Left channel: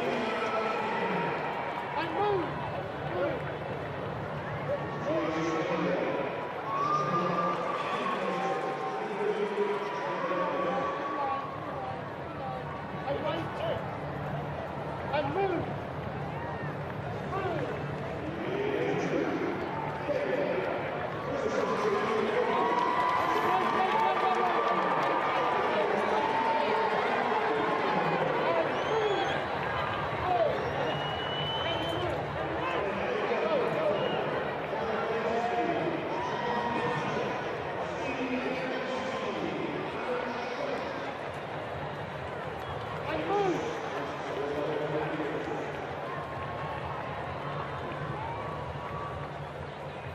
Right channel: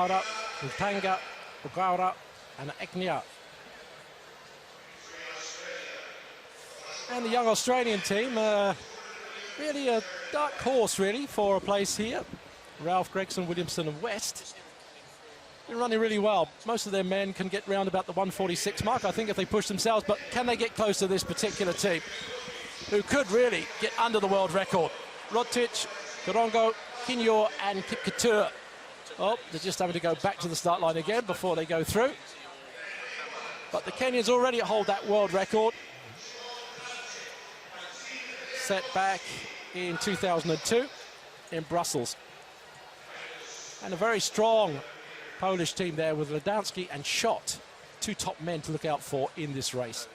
Mara, Mpanga, Guevara, and Egniau. And the young Australian team, really a dark horse, really, for a place here. Ralph, Gregson, Williamson, and West. They're running really well. Most of their men can get round about the 146 mark, I think, if they push themselves. But can they get close to this particular team, who could really get under the world record? Roglic, Korongo, Kinyor, and Kipketur. Well, they're just having to go back to the start line again before they go through. But the Kenyans already hold that world record, set back in 2002 in Brussels. And a very strong Polish team there with Radanski and Schott, two top men to look out for in this race.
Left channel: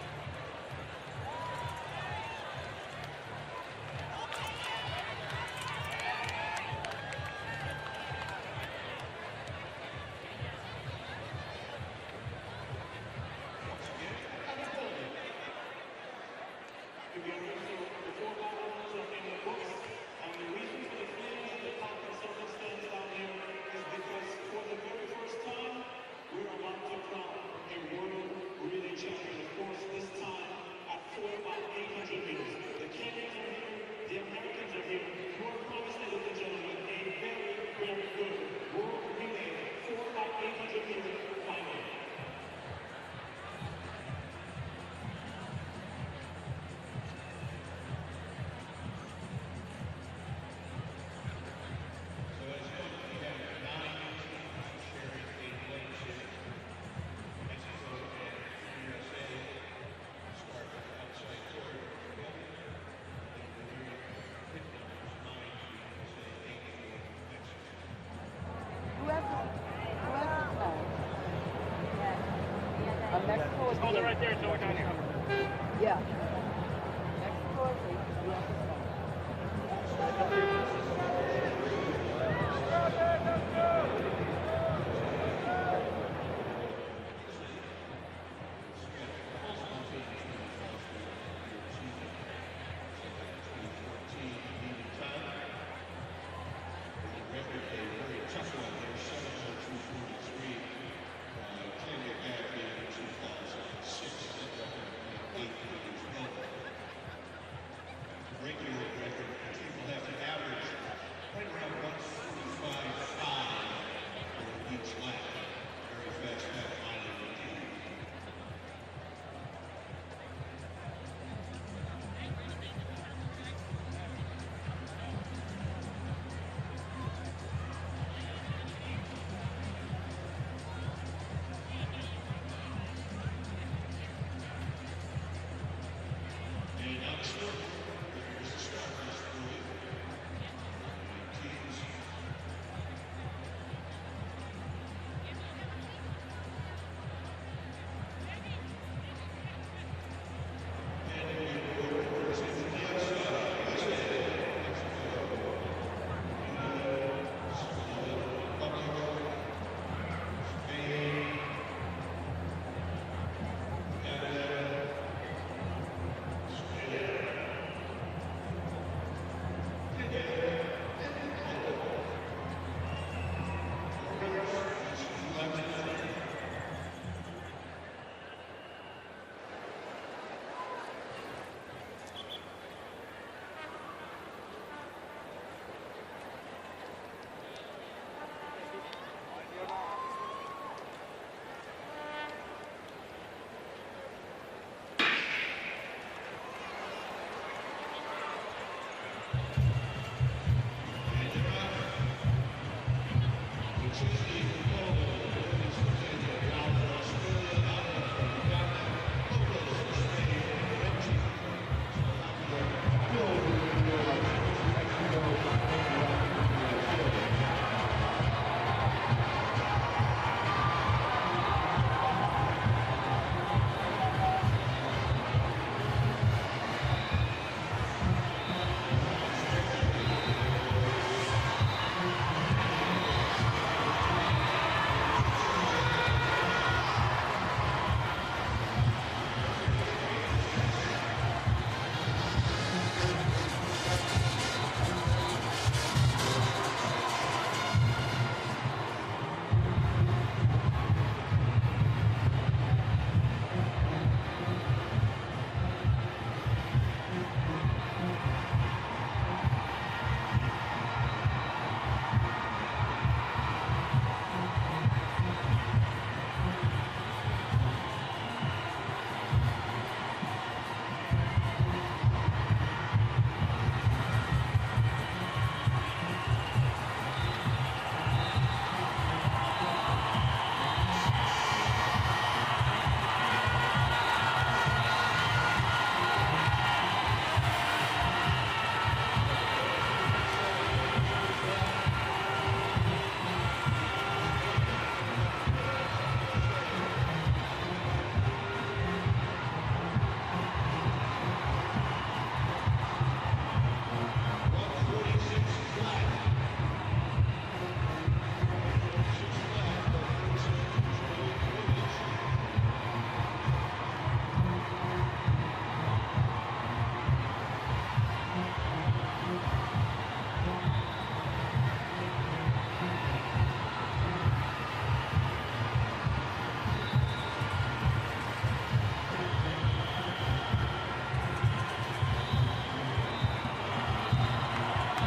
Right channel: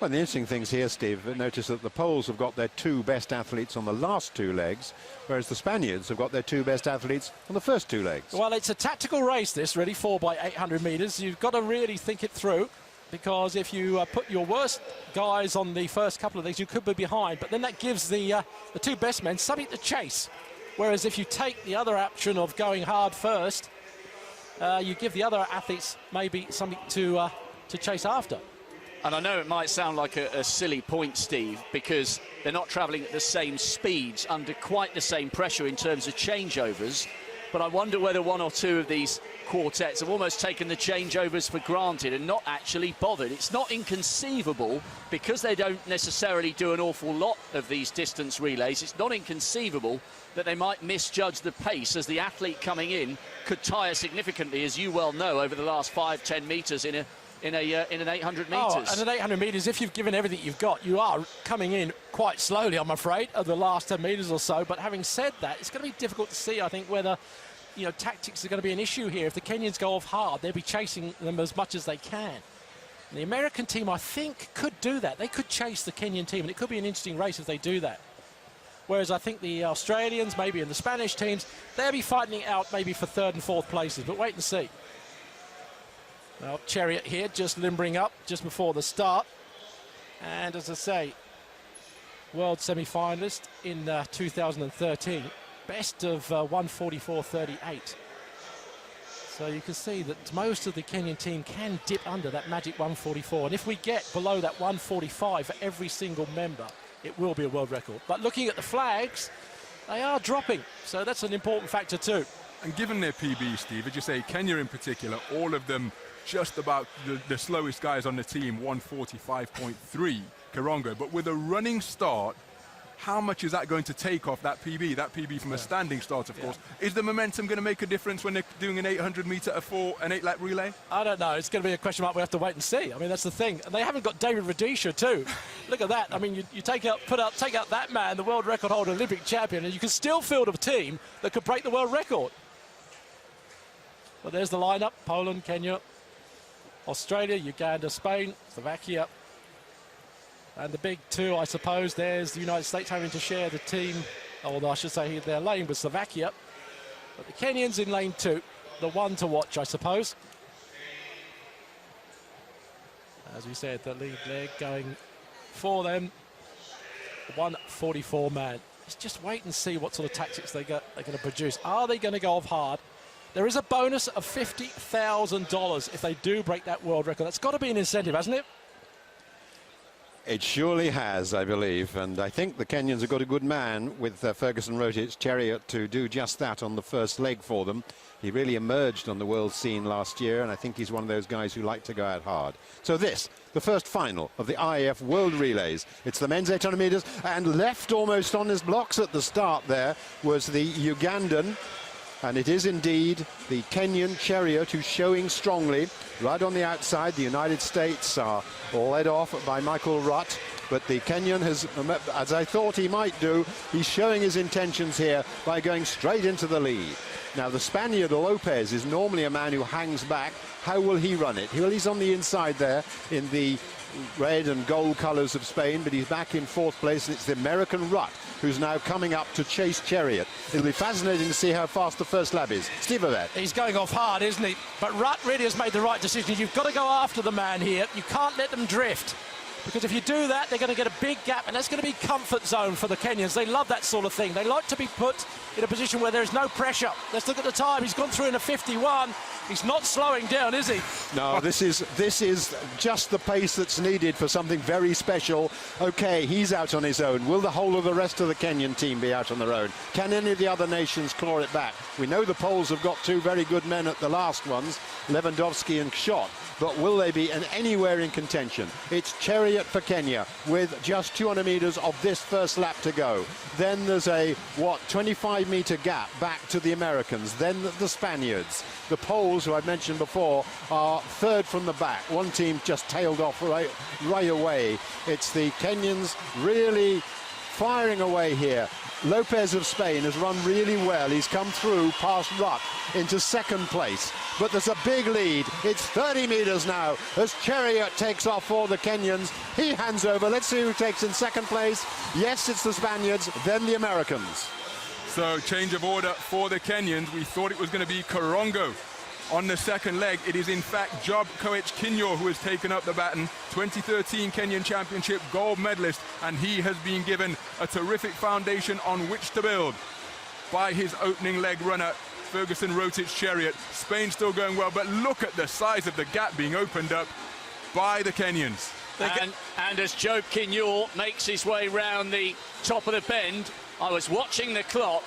Well, the interesting things here, Steve, notice that the Poles have got their two best athletes on the last two legs, whereas the Spaniards have got their two best athletes on the first two legs. Well, it's a tactical race, this, really, 4 by 800 metres. You've got to really think it through, because if you put your worst guys on the first couple of legs, you could be behind, but then that gives the two best men something to chase. Whereas if you take the other option of going hard first, you give the other athletes maybe something to chase after. And I know it might sound like a silly point, Steve, because they're not travelling at the same speeds under quite the same pressure in terms of changeovers, but I wonder whether one or two of these quartets have almost taken the changeovers for granted and not actually bothered. It's not inconceivable, because they don't necessarily do an awful lot of these distance relays, it's not inconceivable that they might misjudge the pace, as the athlete coming in could tire significantly, as you well know, over the last 5-10 metres in an 800 metres. Oh, and at 800 metres, if you've given everything you've got, you are coming in quite slowly, I'm afraid, of the last 10 metres or so. But having said that, it's going to be difficult to see, I think, whether, you know, tactics are going to be an issue here. If the Kenyans go off hard, they'll be chasing them as much as they can. The American team, I think, could do that. They could chase the Kenyan team, and it could be an interesting race if they do that. Whereas I think the Australians, maybe the Spanish teams, they'll be fighting it out maybe for 3rd and 4th places, but wait and see. Chariot here, just limbering up just before the start. And as I say, world semi-finalist in 2013, best of 144.38. So you can see that most of the Kenyan team can dip under that magic 144. And if we get below that 145 for every single member, it will be a world record. But looking at the flags, they are dropping. So that's an important factor too. And given their PB, Steve, as you say, Kenya in particular, all of them just about the slowest guys on the team, 145.3 Korongo. But with a running start, how much is that going to take off that PB? That PB from a standing start, of course. Is the momentum going to make a difference when they're doing an 800 metre, an 8-lap relay? I don't know. It's going to be a question mark we have to wait and see. I mean, that's the thing. And they haven't got David Rudisha too. Look at that. I mean, you take out that man, the world record holder, Olympic champion, and you can still field a team that could break the world record. But there's the lineup: Poland, Kenya, Australia, Uganda, Spain, Slovakia. And the big two, I suppose, there's the United States having to share the team, although I should say their lane with Slovakia. The Kenyans in lane 2, the one to watch, I suppose. As we said, the lead there going for them, 144 man. Let's just wait and see what sort of tactics they're going to produce. Are they going to go off hard? There is a bonus of $50,000 if they do break that world record. That's got to be an incentive, hasn't it? It surely has, I believe, and I think the Kenyans have got a good man with Ferguson Roglic, Chariot, to do just that on the first leg for them. He really emerged on the world scene last year, and I think he's one of those guys who like to go out hard. So this, the first final of the IAF World Relays. It's the men's 800 metres, and left almost on his blocks at the start there was the Ugandan. And it is indeed the Kenyan Chariot who's showing strongly right on the outside. The United States are all led off by Michael Rutt, but the Kenyan has, as I thought he might do, he's showing his intentions here by going straight into the lead. Now the Spaniard Lopez is normally a man who hangs back. How will he run it? He's on the inside there in the red and gold colours of Spain, but he's back in 4th place. It's the American Rutt who's now coming up to chase Chariot. It'll be fascinating to see how fast the first lap is. Steve Ovett. He's going off hard, isn't he? But Rutt really has made the right decision. You've got to go after the man here. You can't let them drift. Because if you do that, they're going to get a big gap, and that's going to be comfort zone for the Kenyans. They love that sort of thing. They like to be put in a position where there's no pressure. Let's look at the time. He's gone through in a 51. He's not slowing down, is he? No, this is just the pace that's needed for something very special. Okay, he's out on his own. Will the whole of the rest of the Kenyan team be out on their own? Can any of the other nations claw it back? We know the Poles have got two very good men at the last ones, Lewandowski and Schott, but will they be anywhere in contention? It's Chariot for Kenya with just 200 meters of this first lap to go. Then there's a, 25-meter gap back to the Americans, then the Spaniards. The Poles, who I mentioned before, are third from the back. One team just tailed off right away. It's the Kenyans really firing away here. Lopez of Spain has run really well. He's come through past Ruck into second place. But there's a big lead. It's 30 meters now as Chariot takes off for the Kenyans. He hands over. Let's see who takes in second place. Yes, it's the Spaniards, then the Americans. So change of order for the Kenyans. We thought it was going to be Karongo on the second leg. It is in fact Job Koech Kinyor who has taken up the baton, 2013 Kenyan Championship gold medalist, and he has been given a terrific foundation on which to build by his opening leg runner, Ferguson Rotich Chariot. Spain still going well, but look at the size of the gap being opened up by the Kenyans. And as Job Kinyor makes his way round the top of the bend, I was watching the clock.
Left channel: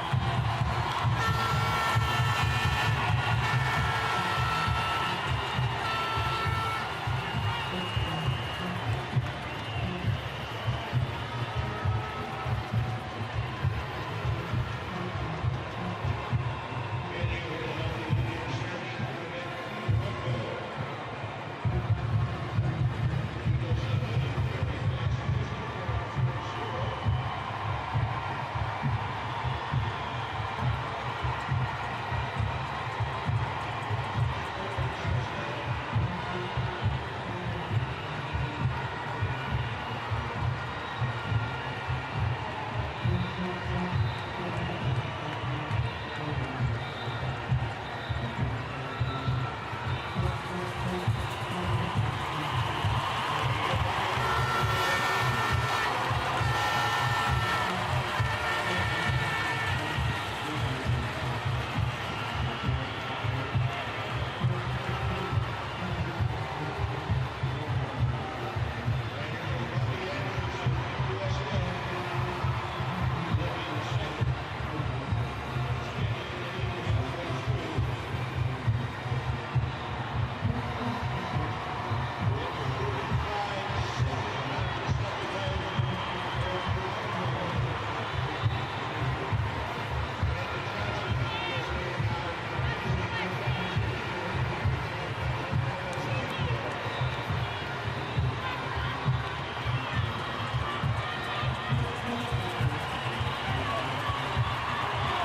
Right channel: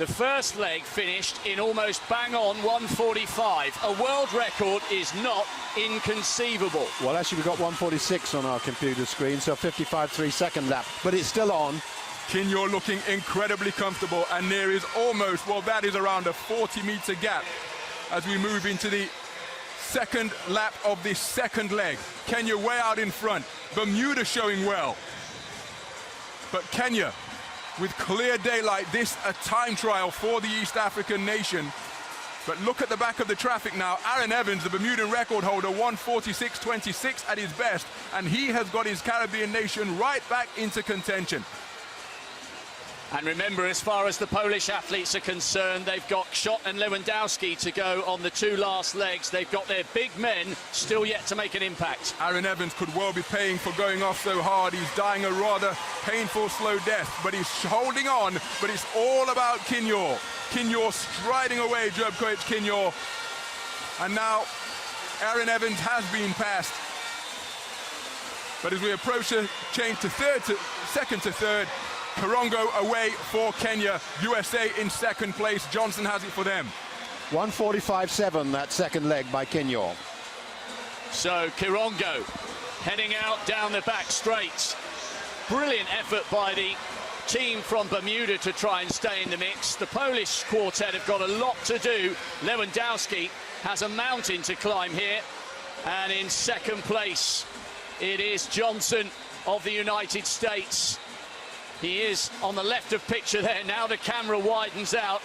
The first leg finished in almost bang on 1:45. A world record is not inconceivable. Well, actually, we've got 1:46 on our computer screen, so 55.3 second lap, but it's still on. Kinyor looking incredibly comfortable, and there is almost, well, that is around a 40-meter gap as we move into the second lap of this second leg. Kenya way out in front. Bermuda showing well. But Kenya, with clear daylight, this a time trial for the East African nation. But look at the back of the traffic now. Aaron Evans, the Bermuda record holder, 1:46.26 at his best, and he has got his Caribbean nation right back into contention. And remember, as far as the Polish athletes are concerned, they've got Schott and Lewandowski to go on the two last legs. They've got their big men still yet to make an impact. Aaron Evans could well be paying for going off so hard. He's dying a rather painful, slow death, but he's holding on. But it's all about Kinyor. Kinyor striding away, Job Koech Kinyor. And now Aaron Evans has been passed. But as we approach the change to second to third, Karongo away for Kenya. USA in second place. Johnson has it for them. 1:45.7, that second leg by Kinyor. So Karongo heading out down the back straight. Brilliant effort by the team from Bermuda to try and stay in the mix. The Polish quartet have got a lot to do. Lewandowski has a mountain to climb here. And in second place, it is Johnson of the United States. He is on the left of picture there. Now the camera widens out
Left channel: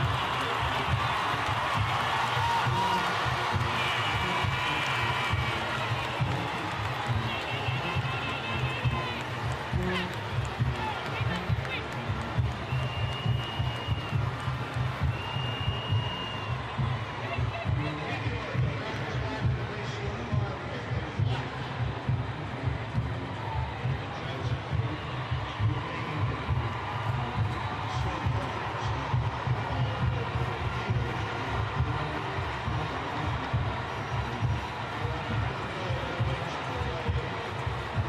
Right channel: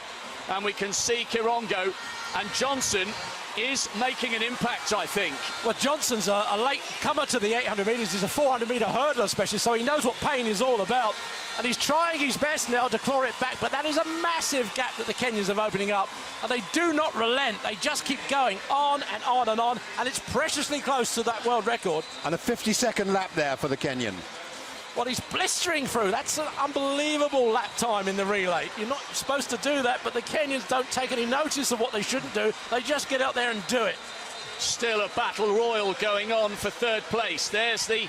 and we can see Karongo, and Johnson is making an impact, I think. Well, Johnson's a late comer to the 800 metres. He's a 400-metre hurdler specialist, so he knows what pain is all about. And he's trying his best now to claw it back, but that is a massive gap that the Kenyans are opening up. And they do not relent. They just keep going on and on and on, and it's preciously close to that world record. And a 50-second lap there for the Kenyan. Well, he's blistering through. That's an unbelievable lap time in the relay. You're not supposed to do that, but the Kenyans don't take any notice of what they shouldn't do. They just get out there and do it. Still a battle royal going on for third place. There's the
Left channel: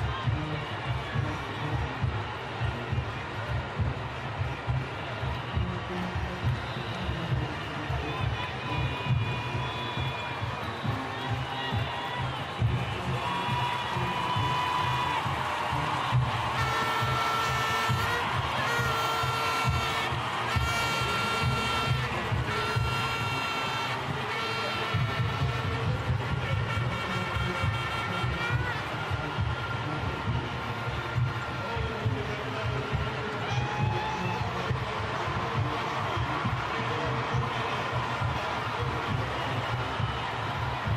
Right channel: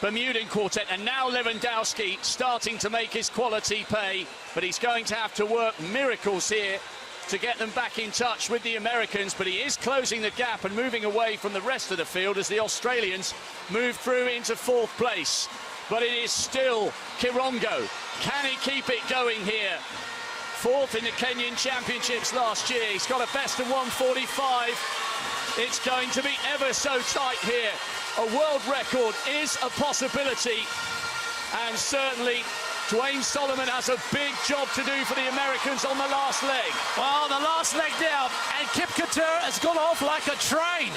Bermudan quartet, and now Lewandowski starting to make his quality pay, but he's going to have to work miracles here to get them back in touch with the Americans, but he is closing the gap and moving away from the rest of the field as the Australians move through into fourth place. But it is still Karongo. Can he keep it going here? Fourth in the Kenyan Championships last year. He's got a best of 1:45. It's going to be ever so tight here. A world record is a possibility. And certainly Dwayne Solomon has a big job to do for the Americans on the last leg. Oh, the last leg down, and Kip Keter has gone off like a train.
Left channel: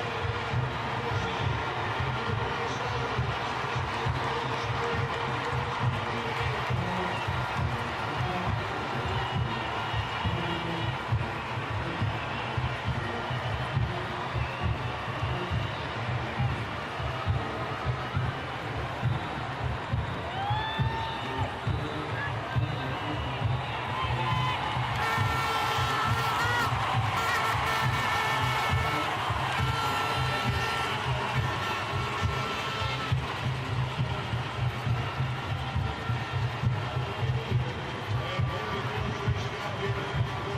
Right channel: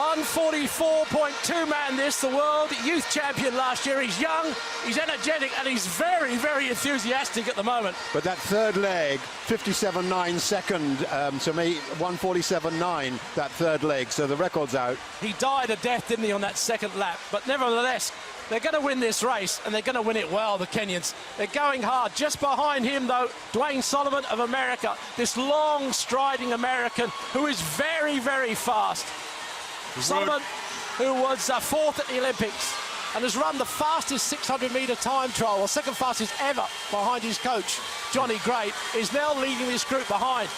1:44.2 man this, the world youth champion last year. He's young, he's energetic, and he's very, very enthusiastic at the moment. But that third leg, 57.9 second, to me, 1:47.9, that third leg, so the record's out. He died a death, didn't he, on that second lap? But nevertheless, they're going to win this race, and they're going to win it well, the Kenyans. They're going hard. Just behind him, though, Dwayne Solomon of America, this long striding American who is very, very fast. Solomon, who was fourth at the Olympics and has run the fastest 600-metre time trial, or second fastest ever, behind his coach, Johnny Gray, is now leading this group behind.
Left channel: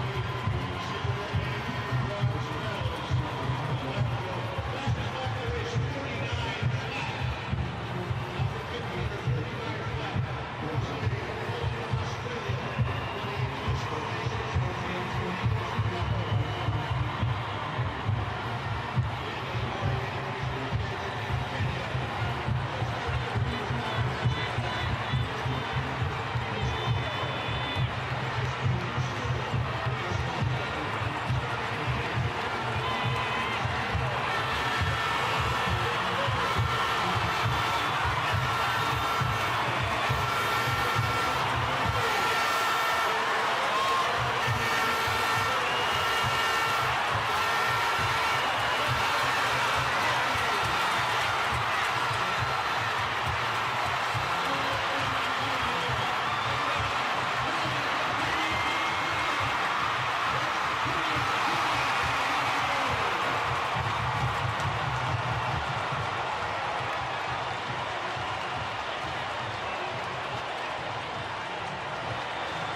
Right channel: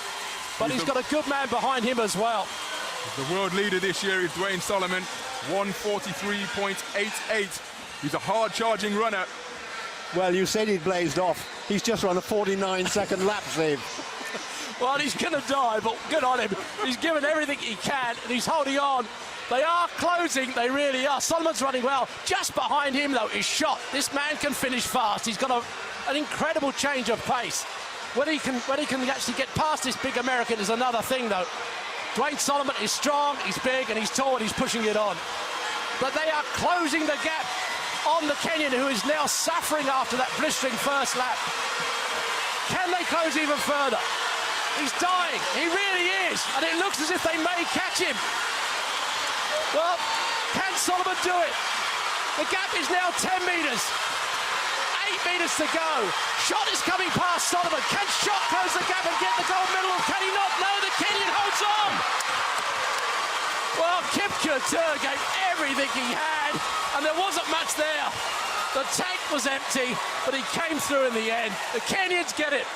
But he's got a good man behind him as well. The world leader this year is Dwayne Solomon, 1:43.88. He's a hard-charging runner. Well, you said he blazed off. He's just run a 49-second lap, Steve. Well, he's going to die, but good on him. He's given everything he can, and he's holding on. They are closing, they really are. Solomon's running well. Just behind him, though, is Schott. This man can finish fast. He's got an incredible change of pace. When he can actually get past this big American is another thing, though. Dwayne Solomon is strong, he's big, and he's tall, and he's pushing it on. But they are closing the gap on the Kenyan, who is now suffering after that blistering first lap. Can they close even further? He's dying, he really is, and it looks as if they may catch him. Well, can Solomon do it? The gap is now 10 metres. 8 metres to go. Schott is coming past Solomon. Can Schott close the gap and get the gold medal? Can he not? No, the Kenyan holds on. Well, Kipchirchir gave everything he had, and there wasn't much there. The tank was empty, but he came through in the end. The Kenyans get it.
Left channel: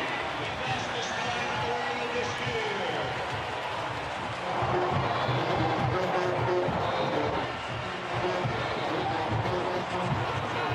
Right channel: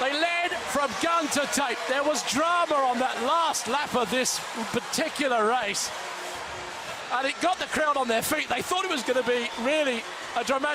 They led from gun to tape. There was drama on that last lap of this particular race. And it got the crowd on their feet. They thought it was going to be really a dramatic